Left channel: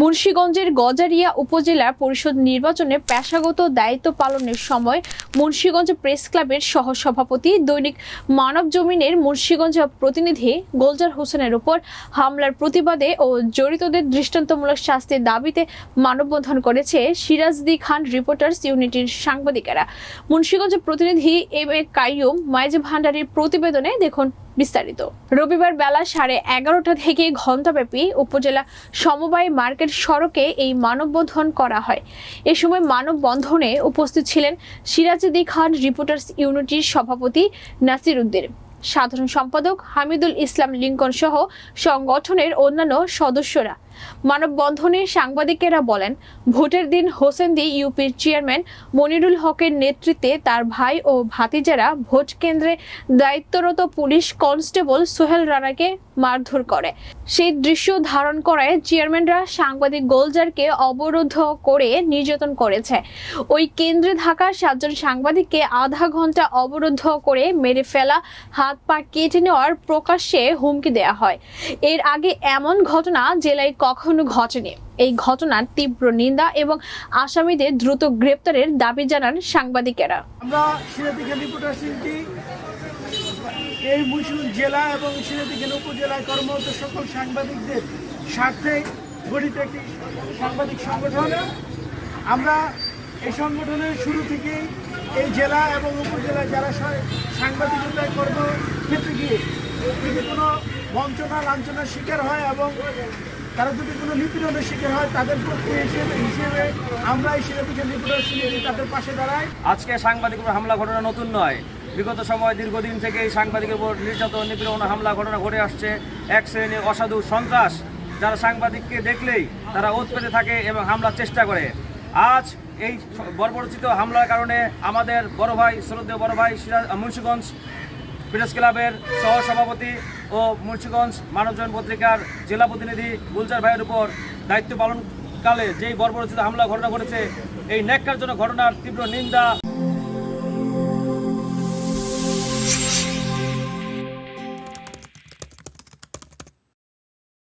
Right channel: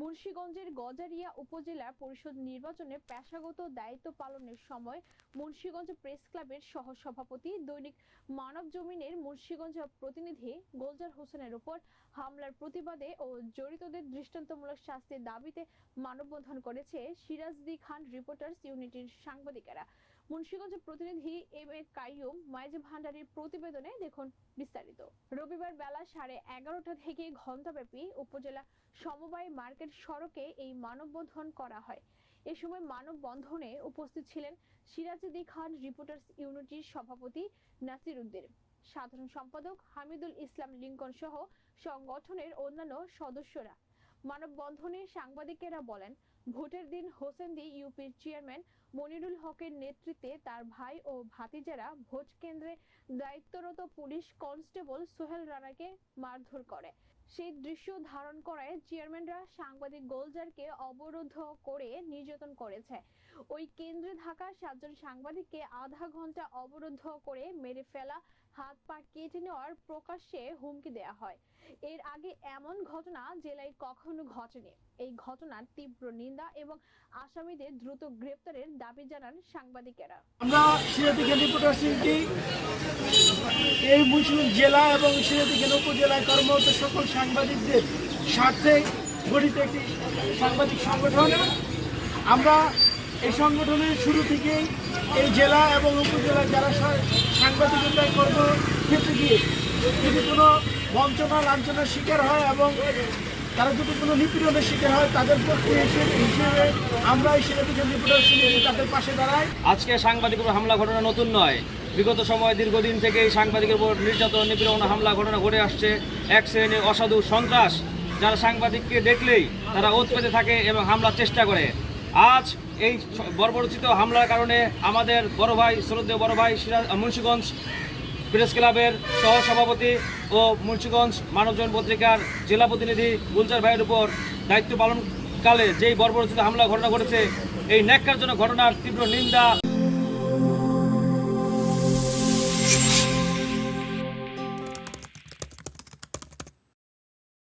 মুন্সিগঞ্জের গজারিয়া উপজেলা পরিষদ নির্বাচনে পেশাগত দায়িত্ব পালনের সময় মুন্সিগঞ্জ প্রেস ক্লাবের সহসভাপতি দৈনিক মানব জমিনের মুন্সিগঞ্জ প্রতিনিধি গোলজার হোসেনের উপর হামলার প্রতিবাদে ও জড়িতদের দৃষ্টান্তমূলক শাস্তির দাবিতে মানববন্ধন করেছে সিরাজদি খান রিপোর্টার্স ইউনিটির সাংবাদিকেরা। মুন্সিগঞ্জ প্রতিনিধি এম এ কাইয়ুম মাইজ ভান্ডারীর প্রতিবেদনে দেখুন বিস্তারিত। রবিবার বেলা 11:30 থেকে ঘণ্টাব্যাপী উপজেলা সমবায় মার্কেট সড়কে এই মানববন্ধন করা হয়। এ সময় মানববন্ধনে উপস্থিত ছিলেন সিরাজদি খান রিপোর্টার্স ইউনিটির সভাপতি নাসির উদ্দিন, সাধারণ সম্পাদক হামিদুল ইসলাম লিঙ্কন সহ সংগঠনের অন্যান্য সদস্যরা। মানববন্ধনে সাংবাদিকেরা বলেন, ভোটের দিন হোসেন্দি ইউপির চেয়ারম্যান মনিরুল হকের নেতৃত্বে তার ভাই ও ভাতিজারা ভোট কেন্দ্রে দায়িত্বরত পুলিশ কনস্টেবল সোহেল রানাকে মারধর করে। সেই দৃশ্য ধারণ করায় চেয়ারম্যানরা সাংবাদিক গোলজারকে অবরুদ্ধ করে নির্যাতন করেছে। ওই কেন্দ্রে থাকা 7 জন সাংবাদিককে আধা ঘন্টা অবরুদ্ধ করে মেরে ফেলা, হাত পা কেটে নেওয়ার প্রকাশ্যে হুমকি দেওয়া হয়। এর আগে এমন ঘটনা জেলায় কখনো ঘটেনি। এই ঘটনার তীব্র নিন্দা এবং আসামিদের দ্রুত গ্রেপ্তারের দাবি জানান সাংবাদিকেরা। আমরা সিরাজদিখান রিপোর্টার্স ইউনিটি এই মুন্সিগঞ্জ জেলা এবং সিরাজদিখান উপজেলায় কর্মরত সকল সাংবাদিকদের স্বার্থে গঠিত একটি সাংবাদিক সংগঠন। আমরা এই সংগঠনের শুরু থেকেই এই জেলা এবং উপজেলায় যারা সাংবাদিকতায় কর্মক্ষেত্রে গিয়ে যদি কোনো বঞ্চনা লাঞ্ছনার শিকার হয় এবং তারা যদি কোনো নিপীড়নের শিকার হয় তাদের পক্ষে হিসেবে আমরা এই সিরাজদিখান রিপোর্টার্স ইউনিটি তাদের পাশে দাঁড়াই। আজকে সাংবাদিকের উপর হামলা ঘটনা নতুন নয়। বিগত সময় দীর্ঘদিন থেকেই সাংবাদিকের উপর নির্যাতন, নিপীড়ন, হামলা ঘটনা ঘটে আসছে। এক শ্রেণীর অসাধু সন্ত্রাস যারা সাংবাদিককে দেখলেই তারা ওত পেতে থাকে এবং হামলার চেষ্টা করে। আজ এই বর্বরোচিত হামলার কারণে আমাদের বড় ভাই, শ্রদ্ধেয় বড় ভাই মুন্সিগঞ্জ প্রেস ক্লাবের সহসভাপতি ও মুন্সিগঞ্জ মানবজমিন পত্রিকার জেলা প্রতিনিধি গুলজার ভাইয়ের উপর দায়িত্ব পালনকালে যেই বর্বরোচিত হামলা ঘটনা ঘটেছে, এই ন্যাক্কারজনক ঘটনার তীব্র নিন্দা